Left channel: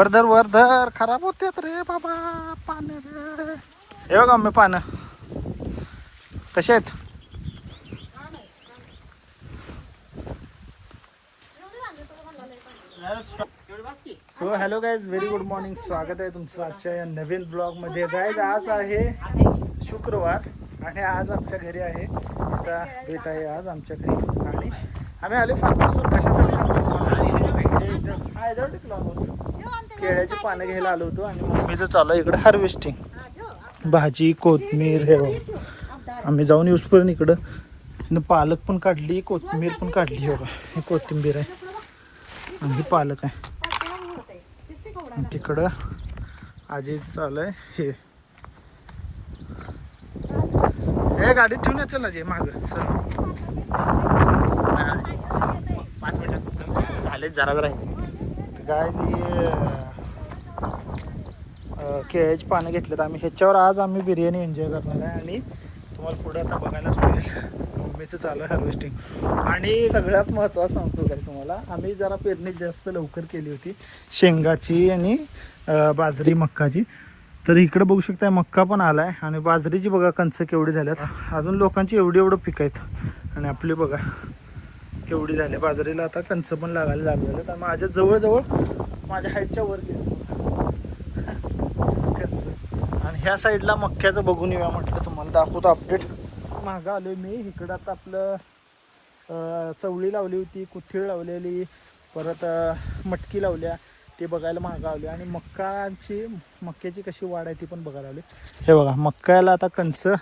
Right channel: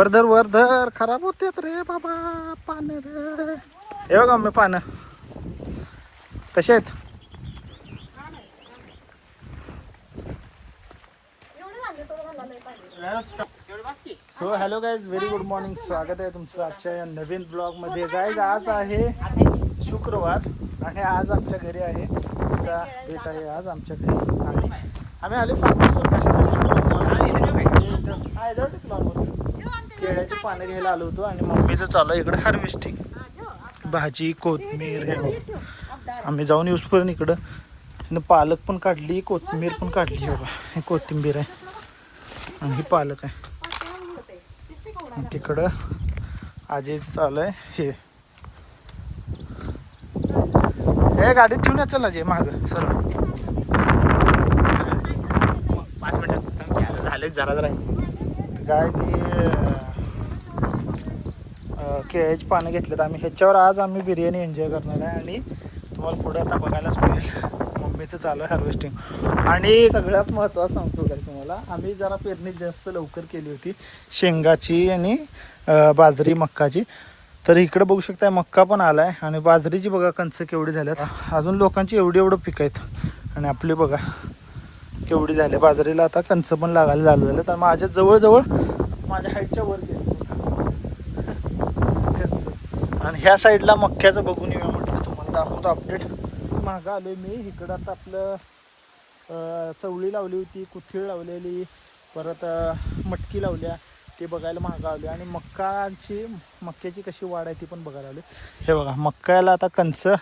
वर धर खराब होतेत रे बाबा पानं रे. हे बघा मी पानं कसे आहेत. So hello guys, very good morning. स्वागत आहे तुमचं आजच्या या नवीन ब्लॉगमध्ये. गाईज आज आहे शुक्रवार आणि आज आमच्या घरी आहे आमचा भेट आहे आज आमच्या घरी. आणि आम्ही आले फार्महाऊसवर कशासाठी केळ्याची पानं घ्यायला आलो होतो. आणि मम्मीचं चालू आहे इकडे हार्वेस्टिंग. भाजी कोथिंबीर हे आम्ही जाऊन येऊसपर्यंत इकडं पालक पण काढली, कोथिंबीर पण काढली. बघा ही कोथिंबीर आहे आणि ही पालक आहे. आणि तिकडं आजीचं चालू आहे हे गाडीत ठेवून या. चला जे माग सर झाले जरा काय केळ्याची पानं घेतलेत आम्ही. ह्याच्यावर आज आम्ही बिर्याणी एन्जॉय करणार आहे. आणि तुम्हाला पुढे आता बघायलाच मिळेल मम्मीचं चालू आहे हार्वेस्टिंग. आणि सगळ्यात महत्त्वाचं सांगतो काय तुम्हाला, आम्ही जरा पेरणी जास्त लवकर केली होती शेंगाची आणि बाजरी मक्काची. तर इकडे बघू शकता मक्का पण आला आहे आणि बाजरीची बघा कणसं केवढी झाल्यात. अजून लोकांची एवढं पीक आहेत आणि आपली बघा केवढी झाली. बाजरीला आता कणसं पण लागायला झालं झालं. तर माझ्या जवळजवळ माझ्या हाईटच्या वर गेली कणसं. आणि ह्या साईडला मक्याचं बघून येऊया म्हटलं, तुम्हाला दाखवतो अपडेट. मागं आलो मी इकडं. आता आपलं चवळी लावली होती, कुथीळ लावलेली, परत मटकी लावल्या, ते बघायला मागं आले. आणि मक्याची कशी वाढ आहे ती पण बघायला आले. हे बघा मक्याला आता कणसं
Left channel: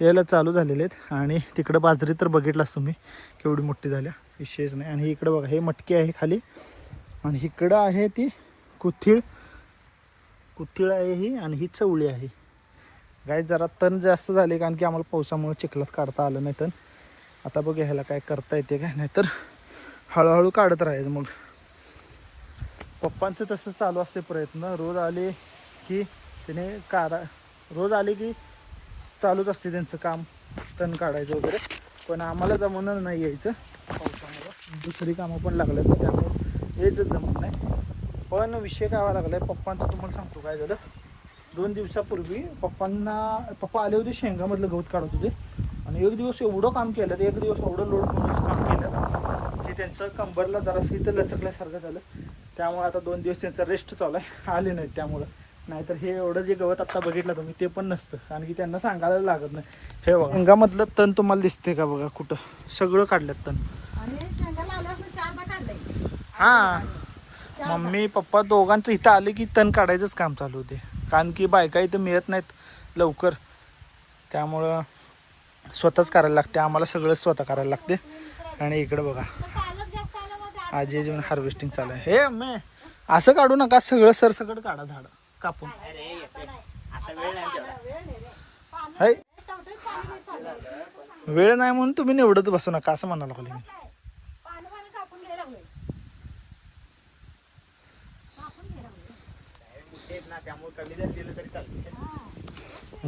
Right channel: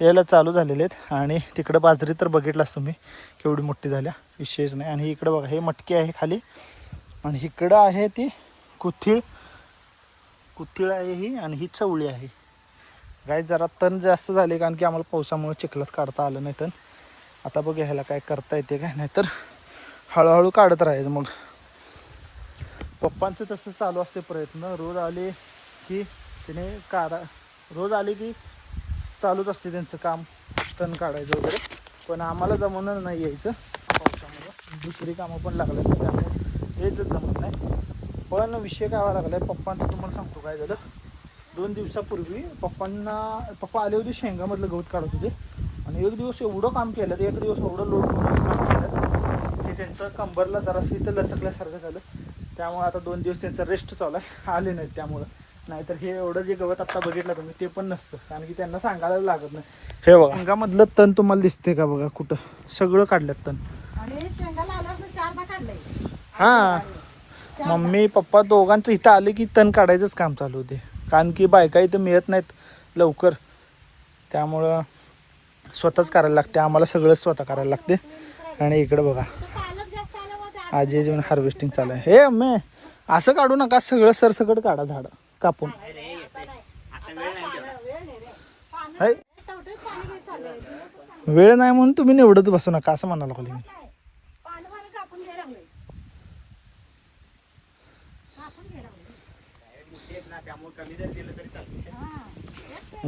यायला चालू झालेले आहेत. आणि तिकडं बाजरी तर बघितलाच तुम्ही केवढी मोठी झाल्या, विशेष नाही. आणि इकडं बघा हे मटकी आहे खाली आणि इकडं आहे ती कुथीळ आहे ही. आणि ही चवळी आहे. गाय जरा तण जास्त झाले कारण की आम्हाला पावसामुळे चिखलात काढता आलं नाही. तण आता बघ ह्याला काय करता येते काय, नाही तर हळूहळू काढत राहायचं. मग पप्पांचं तसं चालू असते प्रयत्न. रोज आले की चालूच असते त्यांचं काम, तण काढायचं वगैरे. पण आम्हाला जमणार नाही यायचं पावसामुळं. दुसरी कामं पण लागले त्यामुळे यायचंच जमत नाही. पण विषय काय व्हायला लागला आहे पप्पांचं तुम्हाला सांगतो काय झालं. 2 दिवसापूर्वी पप्पा आले होते, शेंगामधलं गवत काढत होते. आणि एक दिवस एवढं काम केलं, एक दिवस एवढं लोड करून काम केलं की त्यांचं कंबरला जरासं इथं लचकल्यासारखं झालं. त्यामुळे आता 2 दिवस त्यांचा रेस्ट चालू आहे, आले नाहीत त्यामुळं. नाहीतर हे एवढं जे गवत आत्ता बघितलं तुम्ही ते पण नसतं, कारण की त्यांना सांगायला लागत नाही. हे बघा शेंगामधलं तण तुम्हाला दिसते का बघा, कुठं सगळं काढल्यात तण. हां मम्मी पप्पा दोघांचं इथं आले की तण काढायचंच काम चालू होते. कारण की बायका इथं मिळत नाहीत लवकर, त्यामुळं स्वतःच करायला लागते आम्हाला, सगळं स्वतः करायला लागते. आणि इकडं बघा आजी जेवण हार्वेस्टिंग चालू आहे. हे अम्मे असं काढू नका, सगळं सरसकट काढा झाडं कापून. वेळ नाही म्हणून तुम्ही निवडत बसू नका असं म्हणाला खाली मी.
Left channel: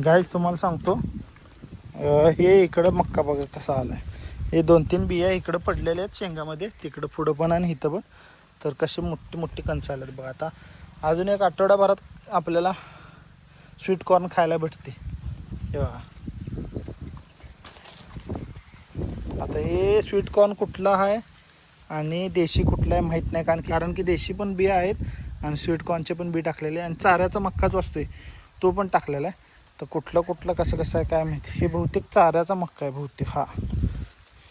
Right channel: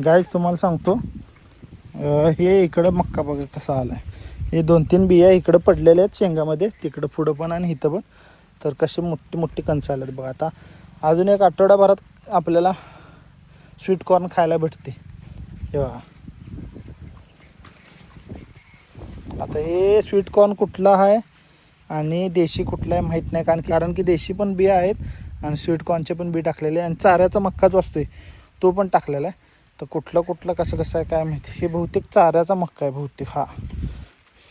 गाईज तुम्हाला सांगतो हे इकडं मक्का बघा कसा आलाय. हे 2-3 बिया इकडं पडलेल्या आहेत शेंगामध्ये, तिकडं पुढं पण आणि इथं पण. तर कशी मोठी कणसं आल्यात बघा. आता अजून एक आठवड्याभरात आपल्याला स्वीट कॉर्न खायला भेटते. हे बघा आता हे स्वीट कॉर्न कुठला आहे आणि देशी कुठला आहे माहीत नाही. कारण की देशी पण बिया आहेत आणि स्वीट कॉर्नचे पण बी टाकलेले आहे. आणि चाऱ्याचा मक्काच असतोय तो पण टाकलेला आहे. तर कुठलं कसं आहे काय माहिती. हे बहुतेक चाऱ्याचा मक्का आहे बहुतेक. हा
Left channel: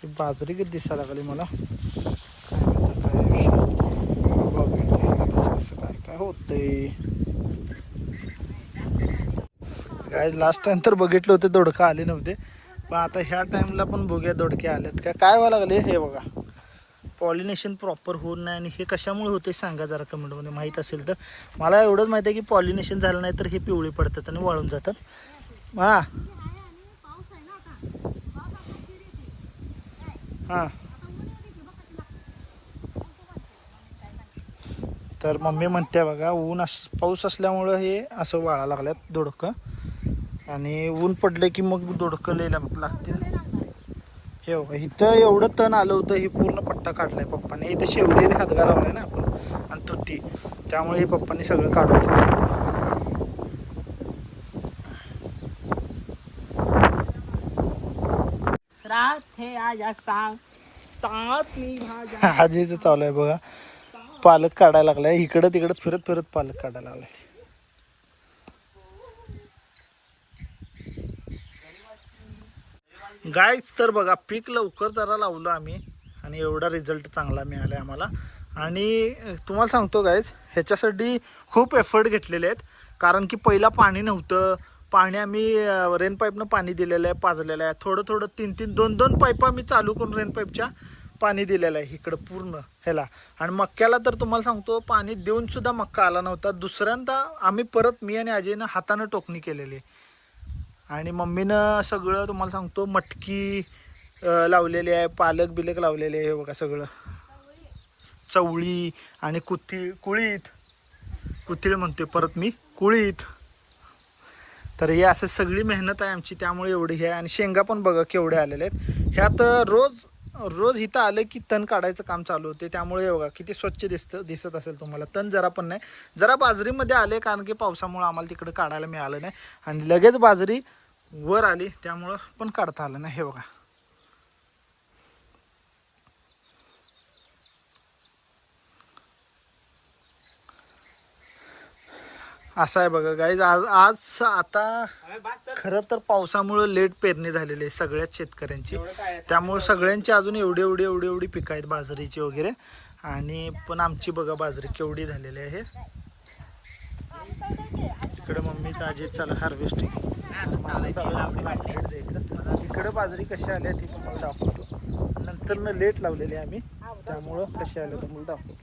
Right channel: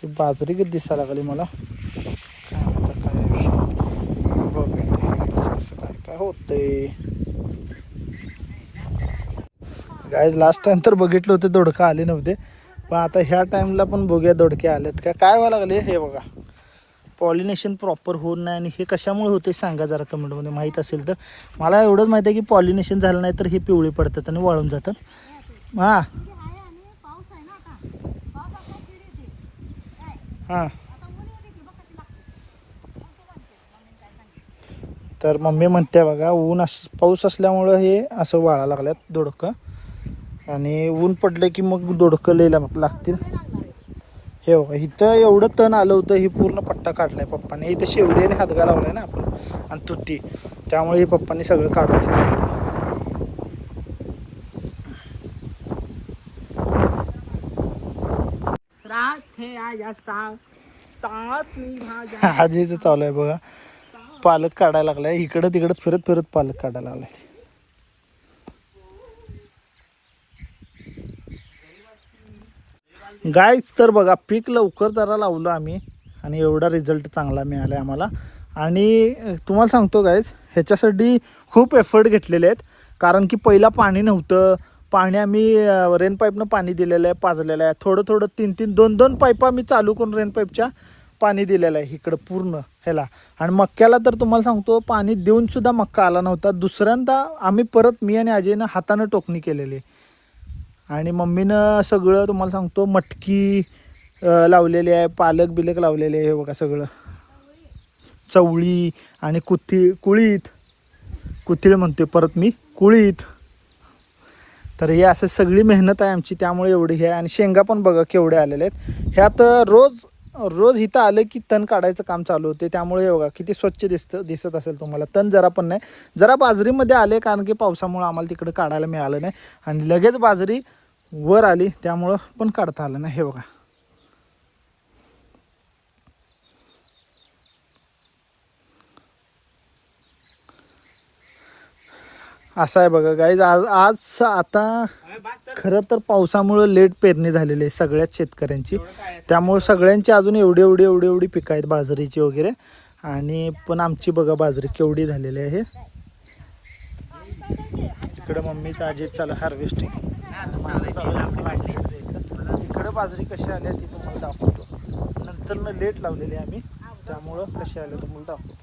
ही बाजरी किती दिसायला लागली मला, काय माहिती काय होतंय. गाईज लास्ट टाइम तर बघितलं होते दोडकं आले नव्हते, पण आता ह्या टाइमला पण बघूया दोडके आलेत काय व्हायला लागले. हे बघा पॉलिनेशन प्रॉपर होत नाही. आणि हे कशामुळे होते सांगा जरा कमेंटमध्ये, माहीत असेल तर. मला एवढंच माहिती आहे की पॉलिनेशन झालं नाही तर हे पिवळे पडतात आणि वाळून जातात. हां हां तर मम्मी म्हणते बघा पाऊस असल्यामुळं हे असं वाळा लागल्यात दोडकं. आणि ऊन पडलं की मग दोडकं लई लागतील. हे बघा इथं एवढं तण आलं होतं, हे पूर्ण पट्टा काढलाय पप्पाने. इथं शेवरीने हातगा लावलाय ना आपण आणि तुती. त्यामुळे ही पप्पांनी सगळं काढून घेतलं. आजीचं चालू आहे बघा, पालक काढायला लागलाय. इकडं तिकडं फिरत फिरत पालक काढायला लागलाय. गाईच तर बघा पीक लवकर जरा लावलं आम्ही आणि एवढा रिझल्ट चांगला मिळाला आम्हाला. आणि तुम्हाला सांगतो गाईज, ह्याच्यासाठी खूप एफर्ट घेतलेले आहेत. कारण की पहिला पाणी नव्हतं. पाणी आम्ही रेन पाईपनं पाणी दिलेलं आहे, पाजलेलं आहे. थोडं थोडं 3-3 2-2 पाईपा आम्ही चालू करून रेन पाईपच्या पाणी दिलेलं आहे इकडं पूर्ण ह्याला. आणि मक्याला तर तुम्हाला सांगतो पाणी देऊन सुद्धा मक्का आला नव्हता. दुसऱ्यांदा आम्ही परत मी आणि अजयनं हातानं टोकणी केलेली आणि मम्मीनं सगळं तुम्हाला सांगतो मटकी लावलेली आहे, पालक बिलक लावलेले आहे बघा सगळं. चवळी आणि कुळीत म्हणतोय परत मी, कुळीत. तर हे असं सगळी मेहनत आहे आमची, त्यामुळे एवढी हे आहे. आणि शेंगा पण बघा केवढे आलेले आहेत. ह्यात रोज इथं आलं की तण काढायचं काम चालू होते. त्यामुळे बघा किती स्वच्छ दिसत असेल तुम्हाला. तण जरा पण नाही. जरा बाजरीमध्ये आले कारण की पावसामुळे आम्हाला तिकडे काढायला मिळालं नाही आणि लगेच बाजरी वर आली, त्यामुळं पण काढता आलं नाही. हे बघा असं आहे बघा गाईज. आज आता खरं तर पावसामुळं लेट पेरणी झालेली आहे सगळ्याच शेतकऱ्यांची. त्यामुळे सगळ्यांची अजून एवढी पिकं आहेत बाजरीची वगैरे. आणि पण आमची बघा बाजरी केवढी झालेली आहे. इकडं मम्मीचं आजी चालू हार्वेस्टिंग, माझं चालू इकडं बाजरी कशी आली आहे ती तुम्हाला दाखवतो. नंतर लेट लावलेली आहे आम्ही, त्यामुळं कशी आले तुम्हाला दाखवतो.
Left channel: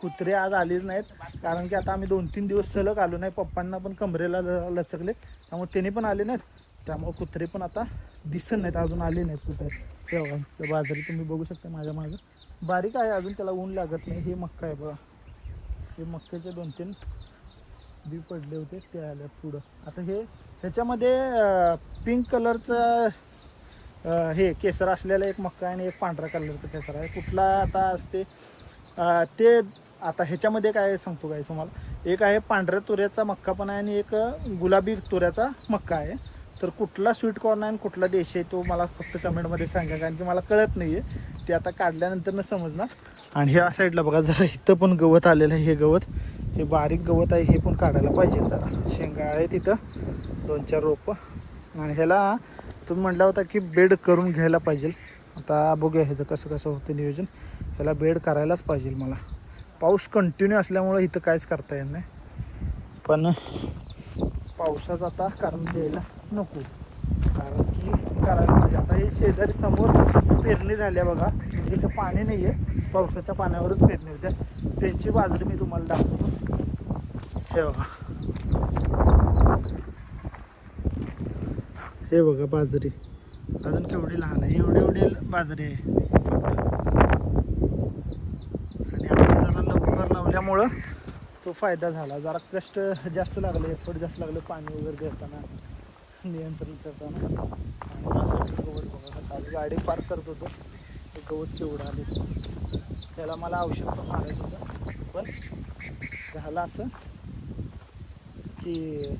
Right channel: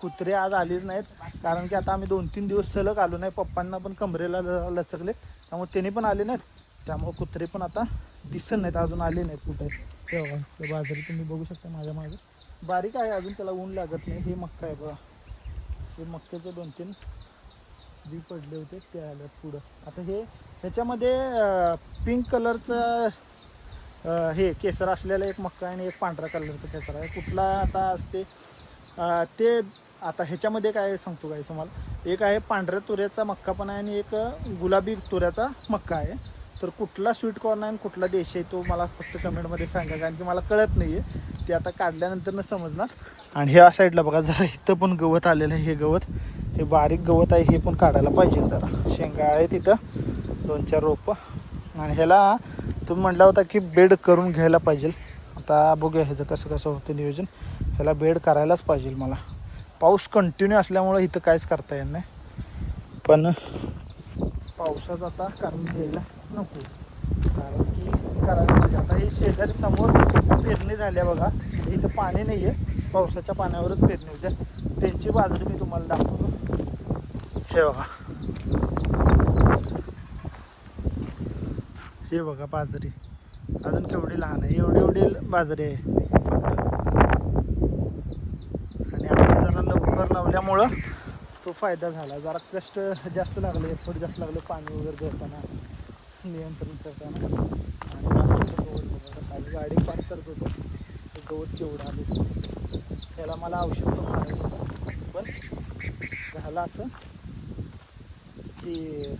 कुत्रे आज आलीच नाहीत कारण की आता आम्ही 2-3 दिवस सलग आलो नाही. पप्पांना पण कमरेला लचकले, त्यामुळे त्यांनी पण आले नाहीत. त्यामुळे कुत्रे पण आता दिसत नाहीत, अजून आले नाहीत कुठं. तेव्हा बाजरी तुम्ही बघू शकता माझ्या मागं बारीक आहे अजून, त्याला ऊन लागत नाही. हे मक्का आहे बघा, हे मक्क्याचे 2-3 बी पडले होते ते आले पुढं. आता ह्याच्यामध्ये पिंक कलरचं हे केसर असलेला एक मक्का आहे आणि एक पांढरा कलरचं केसर आहे. कुठला आता असते ते आता ह्याच्यामध्ये काय सांगतो काय तुम्हाला. एक आहे पांढऱ्या तुऱ्याचा मक्का पण आहे आणि एक गुलाबी तुऱ्याचा मक्का आहे. तर कुठला स्वीट कॉर्न आहे आणि कुठला देश आहे तो मला फक्त कमेंटमध्ये सांगा, कारण की मला कळत नाही आहे ते. आता काढल्यानंतर न समजणार. आणि ह्या साईडला बघा जरा इथं पण गवत आलेलं आहे. हे गवत, हे बारीक गवत आहे, हे पण काढायला पाहिजे. जरा शेंगा आहे तिथं 2-4 रोपं. आणि ह्याला तुम्ही म्हटला होता की बेड करून घ्यायला पाहिजे. आता बघूया ह्याचं कसं होतं नियोजन. ह्याला बेड करायलाच पाहिजे मला. पाऊस कंटिन्यू असल्यामुळं इथं काहीच करता येत नाही. पण पावसाचं आता कारण द्यायला नको, कारण की करायला पाहिजे. आता हे शेजारी समोर पेरणी झाली आहे बघा. इथं पाणी नाही आहे, पावसाच्या पाण्यावरच पेरणी होत्या. त्यांची बाजरी मी तुम्हाला दाखवतो. हे बघा, हे बघा बाजरी अजून केवढी लहान आहे. एवढी बाजरी आहे. आणि आपण जरा लवकर लावल्यामुळं तो फायदा झाला. जरा कष्ट जास्त लागले, एफर्ट जास्त लागले पाणी वगैरे देताना, नियंत्रण करताना. आणि गवत बघा कसं आलं. गाडी पार्क करत होतो ते गवत केवढं आले. त्याला मला औषध पण मारायचं होतं, पण झालं असं की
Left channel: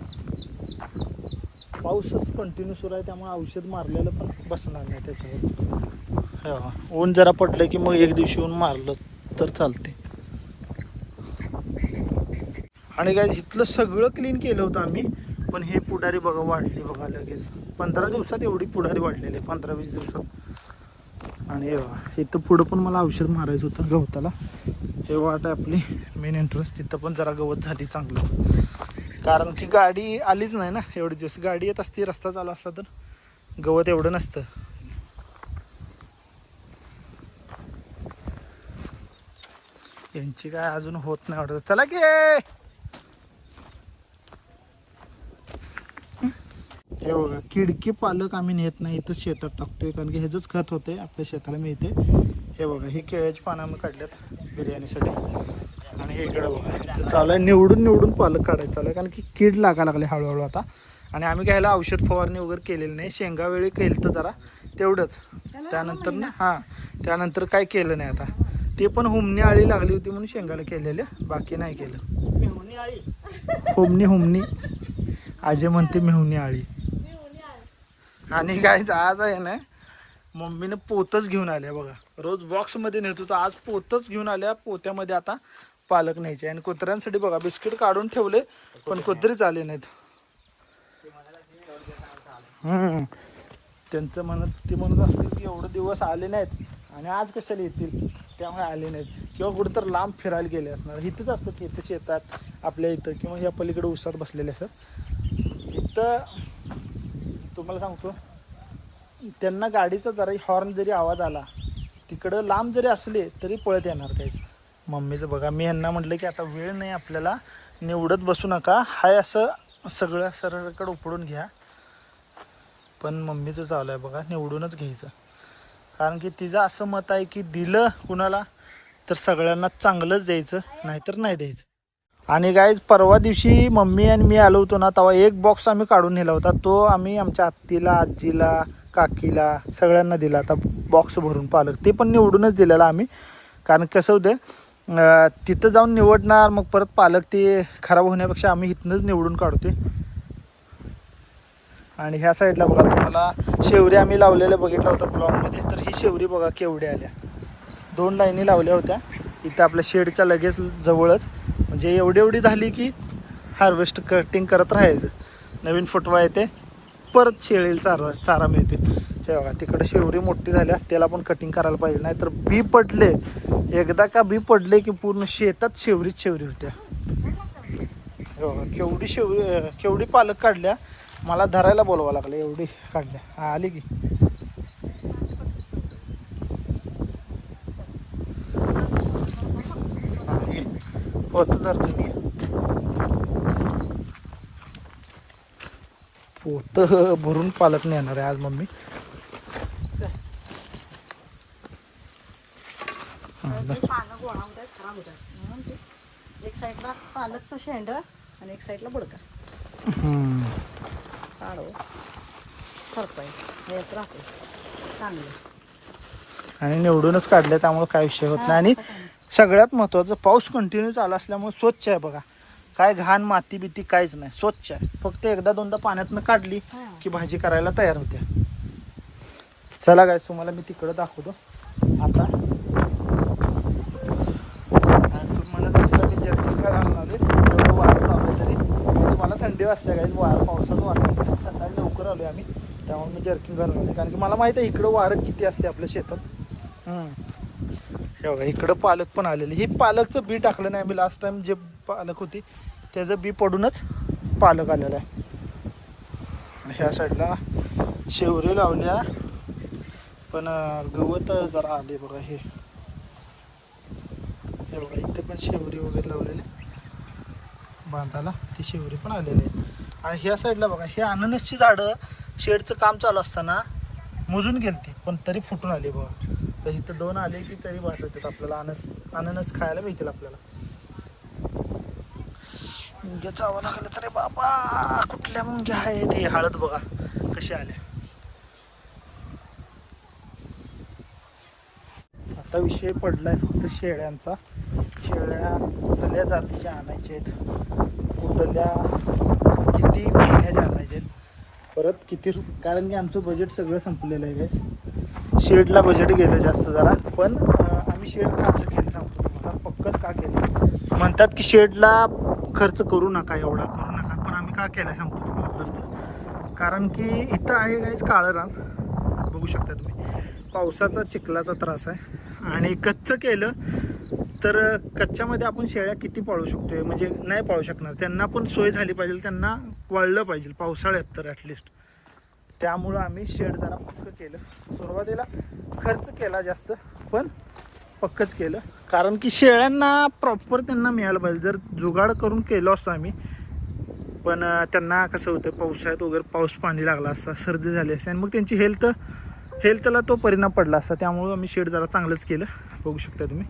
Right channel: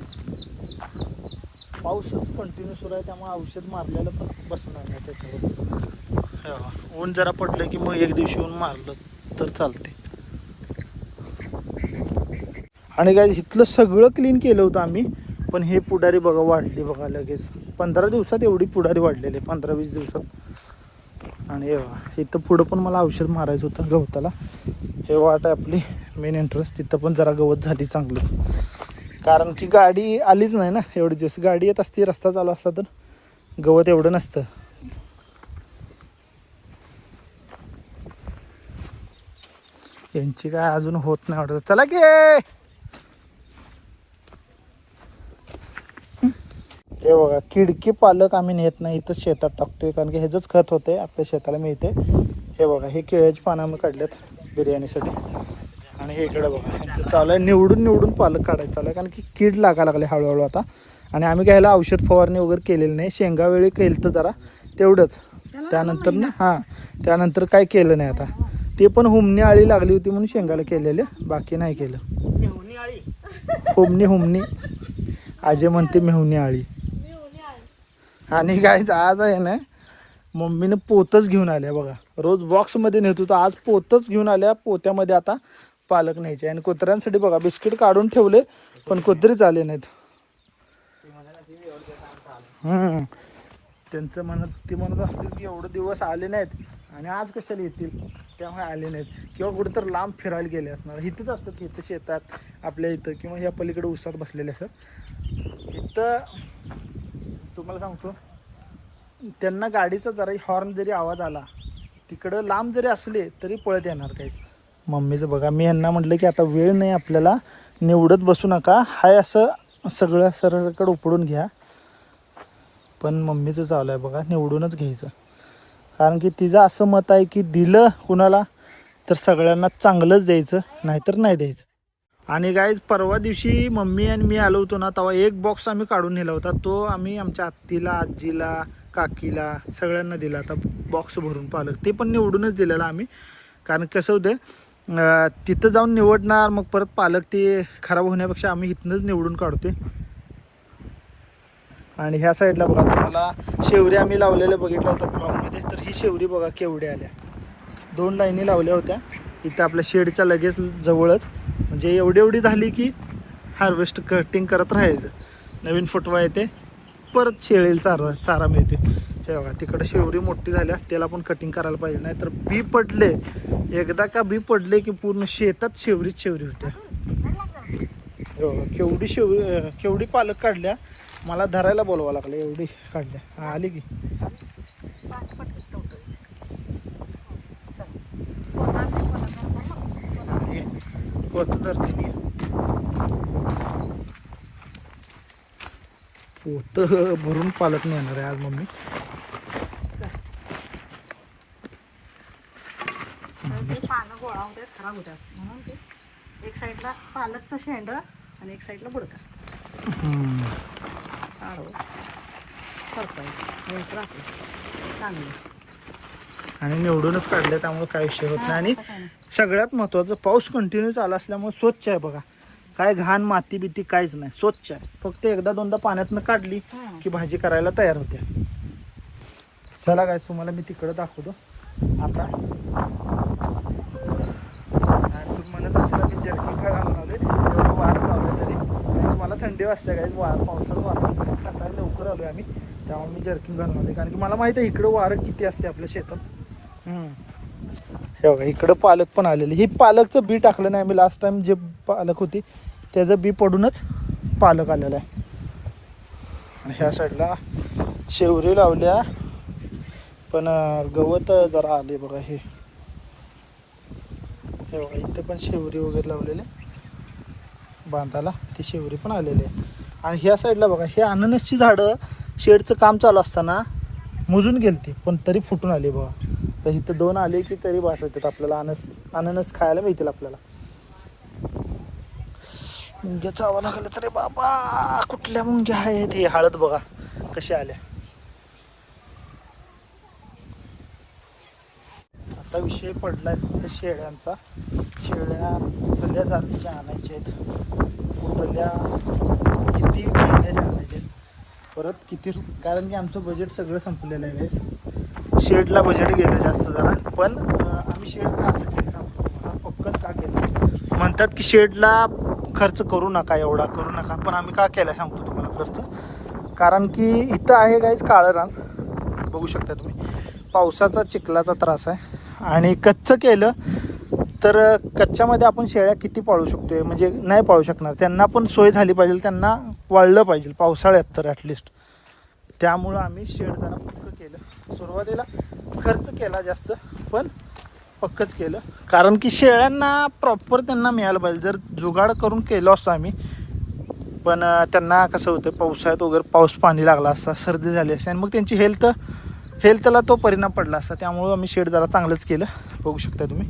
पाऊसच कंटिन्यू सुरू आहे, त्यामुळे औषध मारलेलं पण बसणार नाही त्याच्यावर. ऊन जरा पडलं की मग एक दिवशी ऊन मारलं तर चालते. आणि काय इथलं सगळं क्लीन केलं होतं आम्ही, पण हे पुढारी बघा वाढली बघा लगेच. 15 दिवसात एवढी पुढारी वाढलेली, 15-20 दिवसात. आणि इथं पुढं पण मला औषध मारायचं होतं गवताला. हे वाट आहे आपली मेन एंट्रन्स, तिथं पण जरा गवत झाली चांगलं. कारण की गाडी आलीच नाही ना एवढी दिवस. गाडी येत असती, रस्ता चालू असता तर गवत एवढं नसतं. यांची काय अजून होत नाही ऑर्डर. चला की हे बघा किडकी पालक आम्ही नेत नाही, इथं शेतात टाकतोय कारण की ह्याचंच खत होते, आपल्या शेताला मिळते. हे बघा हे केळ्याची पानं आम्ही काढल्यात बिर्याणीसाठी. आणि हे इकडं बघा ह्यांचं चालू आहे निवडून पालक काढायचं चालू आहे, कारण की कीड लागायला लागले हळूहळू आता. आणि आम्ही काय ह्याला औषध फवारणी वगैरे केलेली नाही. शेंगावेळी केलं तर जरा तेवढंच, त्यानंतर ना त्यानंतर काय केलं नाही. आता ते पण हुमणी आळी लागली होती म्हणून शेंगाला केलेले, बाकी नाही केलं. हुमणी आजे म्हणते मेहुणी आळी. आणि गाईज आज आहे ना मम्मीने पोतच घेऊन आल्या बघा. रोज बॉक्समध्ये नेत होतो, आज पोतच घेऊन आल्या. पोत्यामध्ये आता पालक न्यायचे. आणि कुत्र्यांसाठी बघा बिस्किट काढून ठेवले पण कुत्रीच आले नाहीत. त्यांचं ते म्हणत असतील की एवढे दिवस आले नाहीत आणि आज कशाला येतील, त्यामुळे आले नाहीत. किंवा कुठं तर लांब फिरायला गेले असणार. इथंच असतात की इथं शेतात आपल्या इथं, किंवा ह्या पलीकडे उसात बसलेले असतात. इथं तुम्हाला सांगतो त्यांना गाडीचा जरा हॉर्न जरी आवाज आला, तिकडं लांब जरी असले तरी पळत येणार काहीच. मम्मीचं बघा, मी यांना म्हटलं की आता वेळ नाही आपल्याला, निवडत बसू नका, हाय असं सगळं सरळकडे उपडून घ्या. पण मम्मीचं चालू आहे बघा निवडूनच घ्यायचं. कारण की तिचं असं मत आहे की दिलं कुणाला तर सगळ्यांना चांगलंच द्यायचं, नाहीतर नाही द्यायचं. आणि गाईज परवा दिवशी मम्मी आणि मी आलो होतो ना, तेव्हा एक बॉक्स आम्ही काढून नेला होता. तो आम्ही आमच्या आत्तीला, आजीला, काकीला सगळ्यांना दिला आता बॉक्स भरून पालक. ते पण निवडूनच दिलेला आम्ही. कारण कसं होतं तिथं जाऊन निवडणार मग परत पालक ते खराब होण्यापेक्षा आम्ही इथनंच निवडून काढतोय. आणि ह्या साईडला बघा तुम्हाला शेवरी आम्ही लावलेल्या बघितलं होतं ब्लॉकमध्ये, तर ही शेवरी बघा केवढ्या आल्या. 2 लाईनी लावल्या होत्या इथं आपल्या शेडच्या लगेच जवळच. म्हणजे एवढी झाली की हार्वेस्ट कटिंग करत राहायचं. नवीन फुटवा येते, परत शेळीला चारा मिळते. हे बघा तिकडे शेवरी मोठी झाल्या, त्याला पण कटिंग करायला पाहिजे. नाही तर बी पडले, एकदा का बी पडले की पूर्ण शेतात शेवरीच शेवरी होत्या. हे बघा केवढी पालक काढल्या. मला धरायला बोलवा लागलं, एवढी काढल्या. आली की पोत धरतो मी. पोत भरून पालक नेणार आहे आज मम्मी. पानं गोळा होतात, खराब होतात म्हणून ते एक साईडला पालकचं शेंड आणि एक साईडला बुडका. आणि निवडूनच काढले त्यामुळे काय विषय होत नाही. आणि सगळ्यात महत्त्वाचं पाऊस कंटिन्यू चालू असल्यामुळे स्वच्छ आहे बघा. काय घाण माती बिती काहीच नाही, स्वच्छ आहे. फक्त एकदा दोनदा पाण्यातनं काढली की भाजी करायला तयार होते. चला काय तुम्हाला मी तिकडं दाखवतो आता. तुम्हाला कसं की जर्किन काय घालणार आहे, वारं चालू आहे तरी मला थंडी वाजते काय, वारं पावसाचं वातावरण. सकाळी लवकर आलो आम्ही त्यामुळे मी जर्किन घालून आले. कारण की मला माहिती आहे इकडं वारं किती असते आपल्या शेतात. हे बघा इकडं पालक पण आलेलं. ही पालकचं बी टाकलं नाही आम्ही लास्ट टाइम, जे पालक होती त्याचं बी पडूनच पालक आलेलं आहे. आणि ह्या साईडला शेवरी लावल्या पण गवत जरा आले बघा. हे बघा इथं पण शेवरी वगैरे लावलेले बांधाला, ती शेवरी पण आलेली आहे. आणि ह्या साईडला बघा हे अननसची झाडं शेडचं काम चालू असताना मुजून गेलती पण तरी फुटून आली बघा. तर इथं 2 आले की तरी भास होतात आपल्याला. अननस खायला मिळतील आपल्याला. मुंग्या चावा लागलं तरी बाबा, कुठल्या मुंग्या आहेत. हे हळद बघा कशा आल्या. आता विषय पडलाय फक्त शेळ्यांचा. शेळ्या उठल्या जातीच्या आणायच्या आहेत, उठल्या किती महिन्याच्या आणायच्या आहेत, परत किती कारण की आमचं बजेट सगळं संपलेलं आहे गाईस. शेडला बजेट गेलं जास्त जरा. पण आम्ही शेडला असं केलं सांगतो पक्कच का केलं. म्हणतात की शेडला खर्च करू नका, एवढा करू नका. पण आम्ही का केला सांगतो तुम्हाला खर्च. कारण की इथं आहे गाईस काळं रान, बघू शकता तुम्ही. पावसाचा चिखलाचा त्रास आहे. आणि कच्चं केलं तर कच्च्यामध्ये आपण शेळ्या किती पाळू शकतो, म्हणजे नाही पाळू शकणार. त्यांना पण सोय झाली पाहिजे, त्यांना वाळलं पाहिजे पावसाळ्यात तर ॲटलिस्ट. त्यामुळं आम्ही शेड जरा पक्क केलं. सुरुवातीला खर्च केला जास्त पण पक्कच केलं. कारण की शेळ्यांना प्रॉपर त्यांना मिळालं पाहिजे. जर जुगाड करून केलं असतं आम्ही पण त्यांना कसं होतं पावसाळ्यात वगैरे पाऊस पाणी लागला असता, सर्दी झाली असते आणि मग त्यांची हेल्थला तो परिणाम पडला असता. त्यामुळं आम्ही शेड जरा चांगलंच केलं, बघू शकता तुम्ही.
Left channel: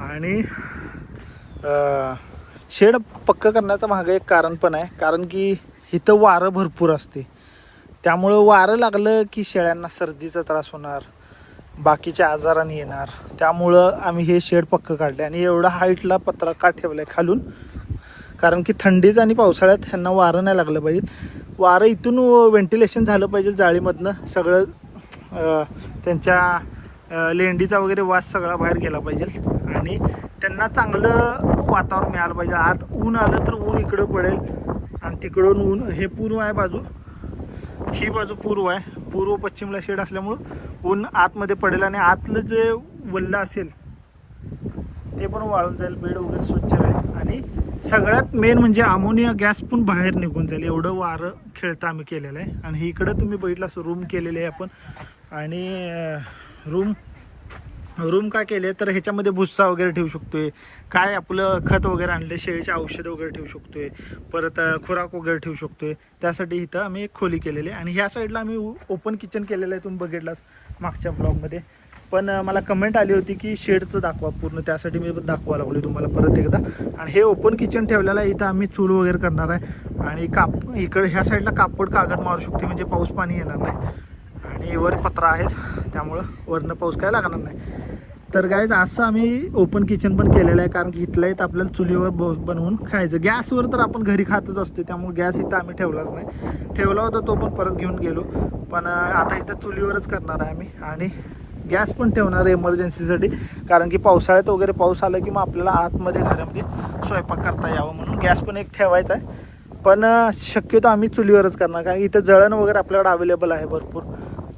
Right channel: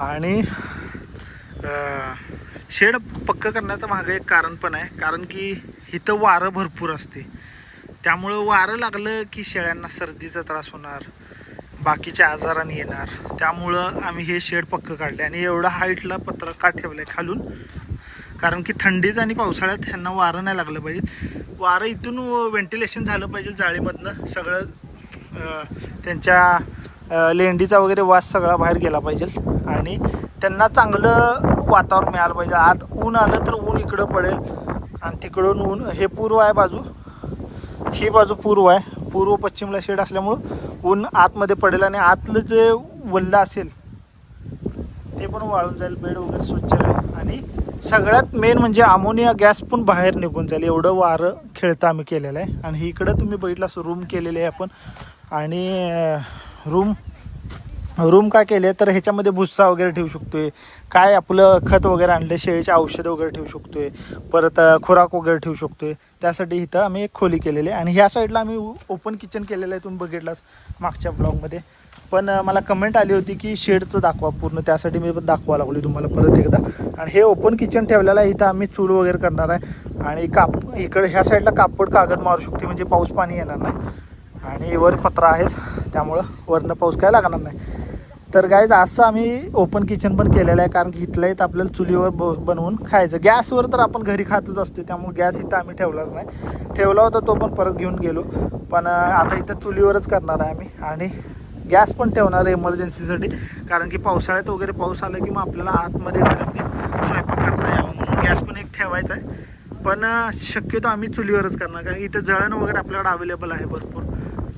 आणि शेड पक्क करण्याचं मागं एक कारण पण आहे. कारण की इथं वारं भरपूर असते, त्यामुळं वारं लागलं की शेळ्यांना सर्दीचा त्रास होणार. बाकीचे आजाराने येणार, त्यामुळं आम्ही हे शेड पक्क काढले. आणि एवढा हाईटला पत्रा का ठेवला आहे खालून, कारण की थंडीच आणि पावसाळ्यात ह्यांना वारं नाही लागलं पाहिजे. वारं इथून व्हेंटिलेशन झालं पाहिजे जाळीमधनं, सगळं त्यांच्या लेंडीचा वगैरे वास सगळा बाहेर गेला पाहिजे आणि त्यांना चांगलं वातावरण मिळालं पाहिजे. आत ऊन आलं तर ऊन इकडं पडेल आणि तिकडून ऊन, हे पूर्व आहे बाजू, ही बाजू पूर्व आहे, पूर्व पश्चिमला शेड असल्यामुळं ऊन आतमध्ये पडेल आणि आतलं जे वल्लं असेल ते पण वाळून जाईल, बेड वगैरे स्वच्छ राहील. आणि सगळ्यात मेन म्हणजे अमोनिया गॅस पण बाहेर निघून जाईल, एवढं वारं खेळतं आम्ही केलेलं आहे. आणि इकडं तुम्ही बघितलं रूम केलेले आहे आपण. आणि रूम काय केले तर ह्याच्यामध्ये भुस्सा वगैरे ठेवू शकतोय, काय आपलं खत वगैरे आणले, शेळीचे औषधं वगैरे ठेवू शकतोय, परत खुराक वगैरे ठेवू शकतोय. त्यासाठी इथं आम्ही एक खोली केलेली आहे. आणि ह्या साईडला आम्ही ओपन किचन केलेलं आहे, तुम्ही बघितलाच मागच्या ब्लॉगमध्ये. पण मला कमेंट आली होती की शेडचं दाखवा पूर्ण, त्यासाठी मी दाखवा लागली तुम्हाला परत एकदा. आणि हे ओपन किचन ठेवलेलं आहे, इथं आम्ही चूल वगैरे करणार आहे. आणि इकडे ह्या साईडला कापड कागद मारू शकते, म्हणजे पाऊस पाणी येणार नाही. आणि वर पत्रा आहेच, त्यामुळं वरनं पाऊस काय लागणार नाही. तर गाईज असं आम्ही ओपन किचन पण केलेलं आहे, कारण की इथल्या इथं आपल्याला चुलीवर बनवून खायचं. गॅसवर तर आपण घरी खातच असतो, त्यामुळे गॅस इथं आम्ही ठेवलाच नाही. ठेवला होता तो पण परत घेऊन गेलो, पण आता इथं चुलीवरच करणार आहे आम्ही. आणि गॅस पण ठेवणार आहे एमर्जन्सीसाठी, कारण की पावसाळ्यात वगैरे पाऊस आला की मग आपल्याला आतमध्ये घरातली स्वयंपाक करता यावं म्हणून गॅस पण एक ठेवायचा आहे. पण शक्यतो आम्ही चुलीवरच करणार, कारण इथं जळण वगैरे आपल्याकडे अवेलेबल आहे भरपूर,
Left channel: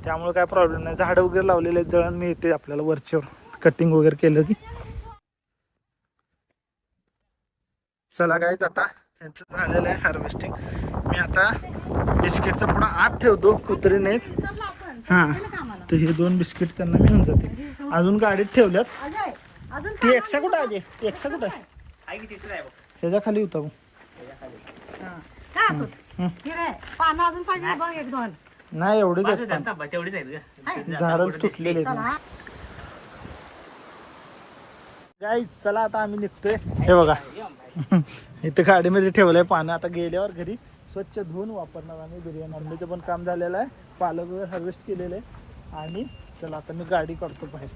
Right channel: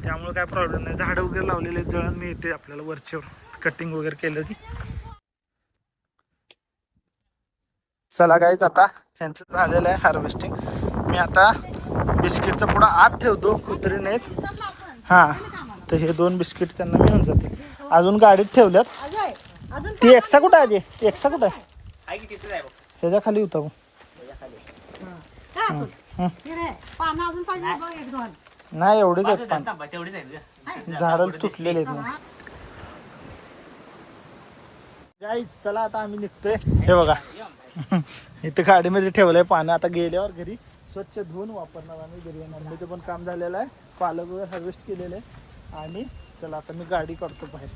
त्यामुळे काय प्रॉब्लेम नाही. झाडं वगैरे लावलेले आहेत, जळण मिळते आपल्याला वरच्यावर कटिंग वगैरे केलं की. चला गाईज, आता ह्यांचं झालेलं आहे हार्वेस्टिंग. मी आता बिस्किटचं पुढं आत ठेवतो कुत्रीनेच. हां, तर हे 2 बिस्किट त्यांना मिळून जाते. अजून गाडीत ठेवल्यात. ती एक्सा कुठं आहे? ती एक्सा कुठं आहे? ह्याच्या खाली होता. पानं अजून पाहिजे बघ, एक दोन नाही एवढेच आहेत, झाडं तुटलेले आहेत. गाईज चला आता आम्ही निघतोय. हे बघा इथं गाडीमध्ये ठेवलंय पानं, आता गेल्यावर घरी स्वच्छ धुवून वापरणार आम्ही. बिर्याणी आणण्याचं पण काम झालेलं आहे, पालक वगैरे हार्वेस्ट केलेलं आहे. आणि चला आता मी गाडी काढतो बाहेर.